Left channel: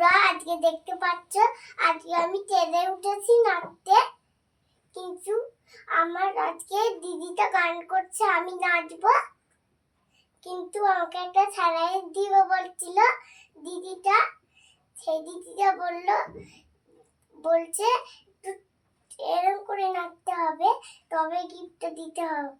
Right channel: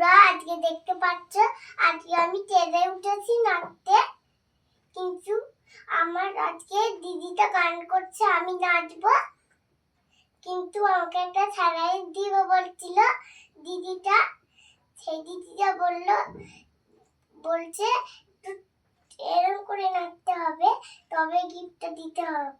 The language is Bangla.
বন্ধুরা, আজকে দেখতে পাচ্ছ আজকে আমি স্টেজে উঠেছি নাচতে। কিন্তু আমার আজকে দিদিটা গান করছে, আমি নাচবো। কিন্তু আমাকে একটা স্যালাইন দিবে বলছিল দিদিটা। সেই দিদিটা বলছে এরকম করে নাচতে হবে, তবে গিফটটা দিতে হবে।